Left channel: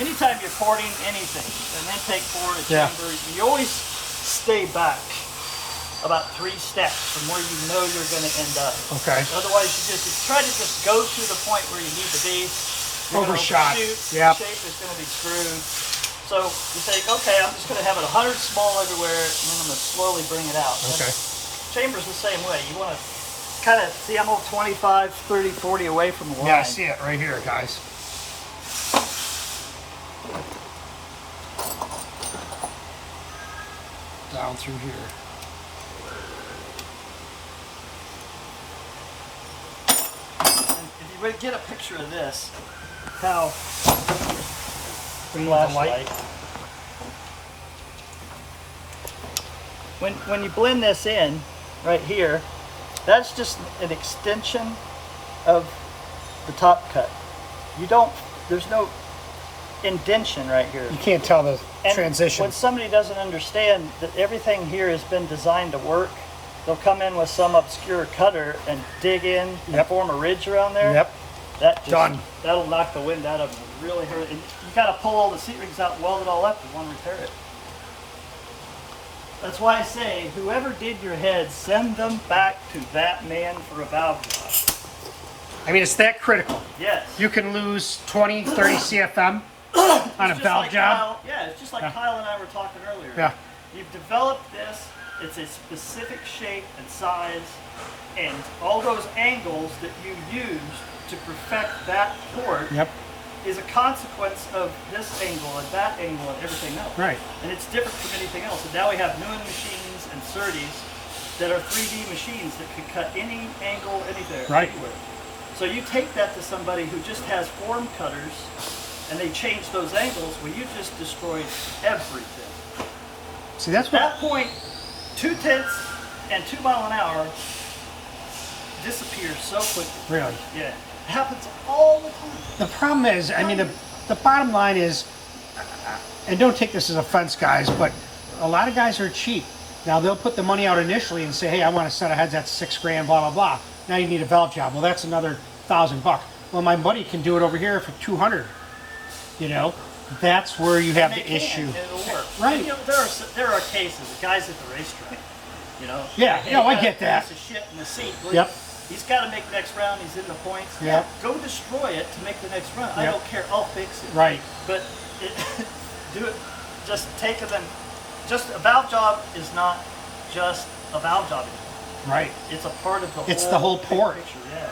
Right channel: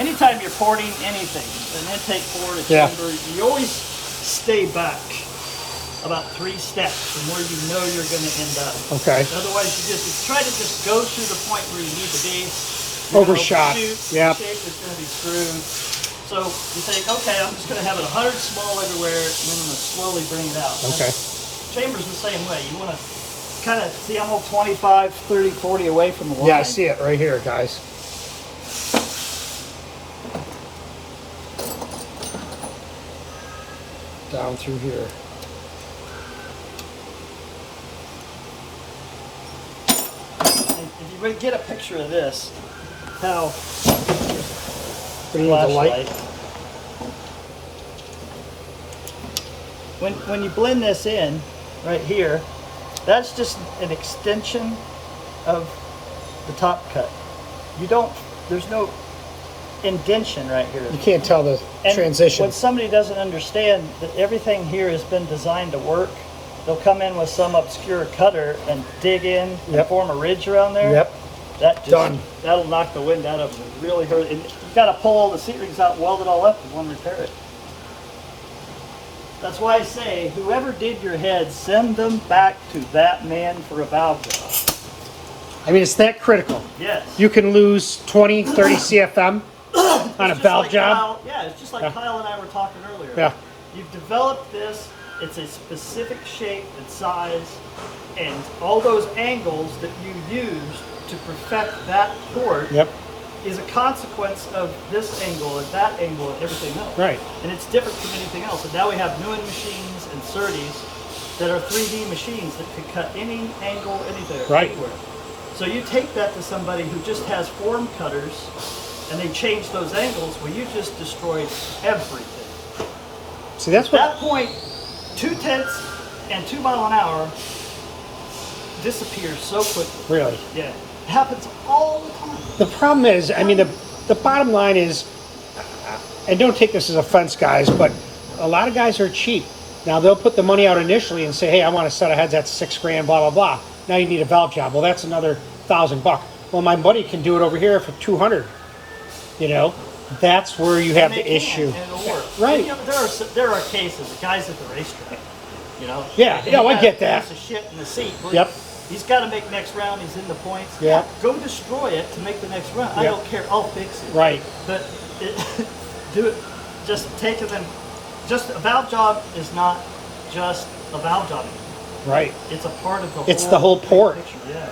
anytime you're porting anything, an intake port, a chamber, you always stay back about 3 steps from where you know you're going to end up. Okay. Otherwise, you try to just go to the point where you need to be. Overshot. Yeah. Shape is going to be screwed. So you say, okay, I'm just going to have it 100 small everywhere, and then I'm going to slowly bring it out. Okay. Chamber's the same way. You want to kind of see, I'm all 25, 30, 40 away from the line. Yeah, I see it right here, guys. Down through here. And if you get a picture of this, how Putting in the light. When you blend this in, right here, that's just an extension of the top cut. There's no indentation right here. You can't tell the transition. When somebody doesn't understand that everything here has been designed to work, they'll come in with some obscure cutter and dig in and form a ridge around there. Yep. That'll knock the wind out of them. It really hurt. And you've got to pull all the seat rings out, weld it all up, and one repair it. That's why I say, whoever did your head, send them back to that man for a valve job. I mean, it's that critical. Yes. You can lose 20, 30 CFM on a valve job. It's just like Kyle and I were talking earlier. Yeah. You've developed this. It's a specific shape and size, and all those angles that you used to perfect that port is a consequence of this angle and that angle and everything else. Right. And it's different from anything else. And now we have Nguyen machines and Surtees that are 3D machines that can cut any angle, anywhere. So you take that to somebody who just has form cutters and they change those angles, well, you just destroyed everything. See, that's at that point, 2/10 and 2 miles an hour disappears so quickly. Really? Yeah. It happens all the time. The problem is, I mean, the bottom line is, and don't take this as offense, guys, but a lot of guys are cheap. Now, they'll put the money out initially and say, hey, I want a set of heads that's $6 grand, blah, blah, blah. Now you need a valve job. Well, that's another $1,000. Well, my buddy can do it over here for 200. You know, that's where you have the issue. And it'll work. Right. And, there are cases, the guys at the racetrack, you know. Yeah, I get that. Piece of shit in the seat. Yep. He's got to make next round. He's in the points. Yep. Go destroy it to make the next run. I don't care. I'll fix it. Right. But do it. Just take it and just a valve job is not just a valve job anymore. Right. It's a part of the It's the whole port. picture. Yeah.